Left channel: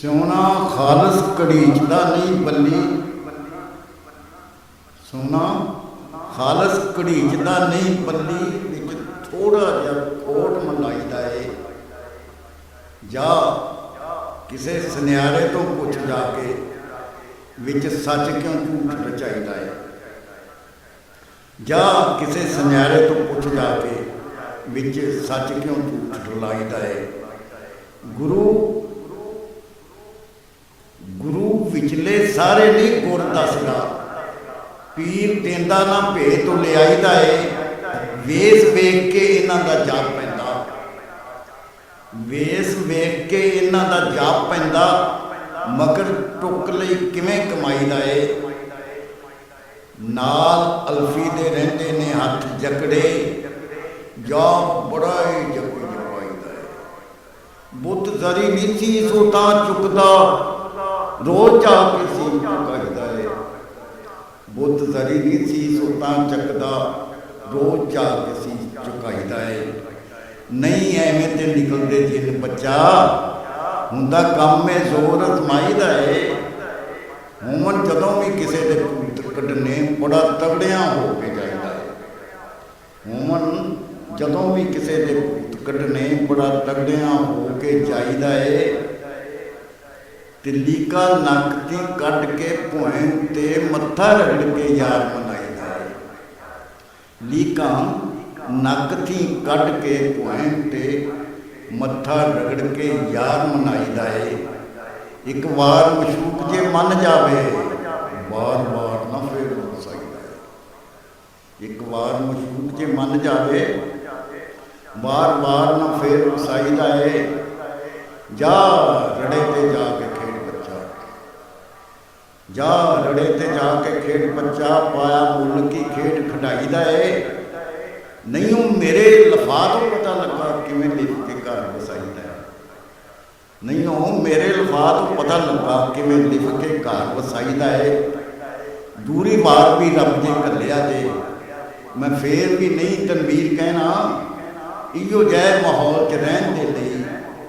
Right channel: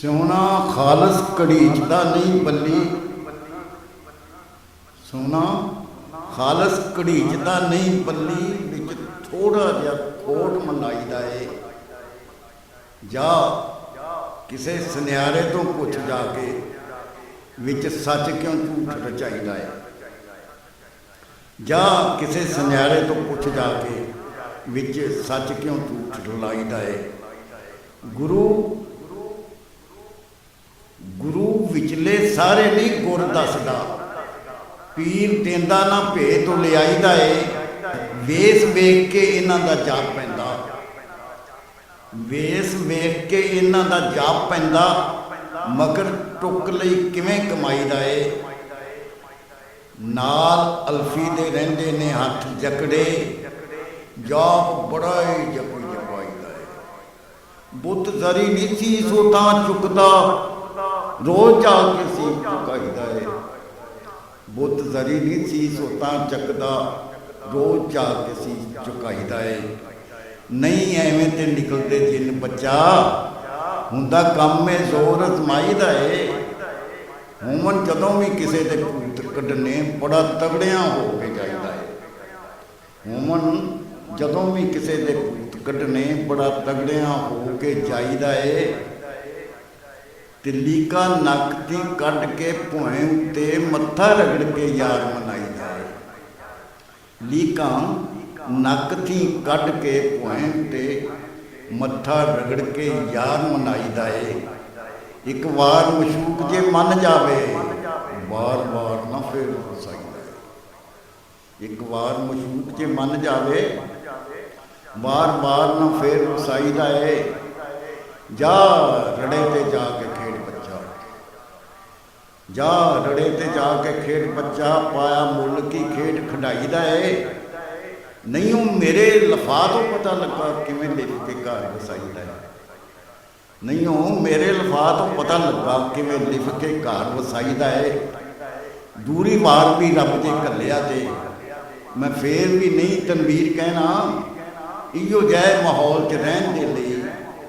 सोना खालस घड़ीचदा नहीं बल्ली, सोना खालस घड़ीचदा नहीं बल्ली, विच थोड़ा जिहा खोट मलाईदा है। जा किसे सुनियारे तो पुछ जाके विच सच क्यों झूठ रचाईदा है। जा किसे सुनियारे तो पुछ जाके विच सच क्यों झूठ रलाईदा है। गुरु गुरु विचले सारे नहीं गुर दसदा, पीर देंदा ना भेत तो लियाईदा है। वेस वेख के इन्हां दा जाप पैंदा, वेस वेख के इन्हां दा जाप पैंदा, मगर टुक लई किवें कमाईदा है। नाल अल्फी दे रहिंदे ने हथ जकड़े, जाप बड़ा ही जपी जपाईदा है। बुत जरी नहीं सी सो तां चुकदा, रोज जाके सीस झुकाईदा है। बुत जरी नहीं सी सो तां चकदा, रोज जाके सीस झुकाईदा है। नहीं एवें ते निकलदे जिन बच्चा, हुंदा काम में जोर अजमाईदा है। हुमन जदों भी किसी दे भूत कढने बड़ा तगड़ियां हो के जाईदा है। हुमन जदों भी किसी दे भूत कढने बड़ा तगड़ियां हो के जाईदा है। ते लीका नक ती कढ़ के भुएं उत्ते मत्था रगड़ के यार मनाईदा है। लीका नक थी कढ़ के भुएं उत्ते मत्था रगड़ के यार मनाईदा है। एक बार मशूक जे मन जावे, बार बार ना फिर वसाईदा है। एक बार मशूक जे मन जावे, बार बार ना फिर वसाईदा है। जा रड़े ते जाके खेड बच्चा, जा रड़े ते जाके खेड बच्चा, पाया मुल की खेड खिडाईदा है। नहीं वो मेरे लफा तो पता लगा किवें लिख के घर वसाईदा है। नहीं वो मेरे लफा तो पता लगा किवें लिख के घर वसाईदा है। दूरी वार भी रब जे घल्लिया ते मैं फिर भी नहीं तनवीर कहना, इहो जै माहौल च रहन दे लई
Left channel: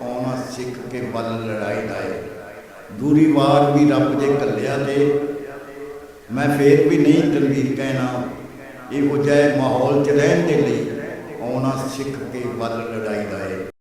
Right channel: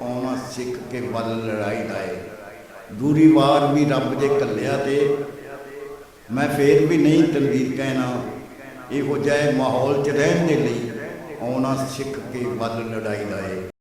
आउणा सिख के वल लड़ाईदा है। दूरी वार भी रब जे घल्लिया ते मैं फिर भी नहीं तनवीर कहना, इहो जै माहौल च रहन दे लई आउणा सिख के वल लड़ाईदा है।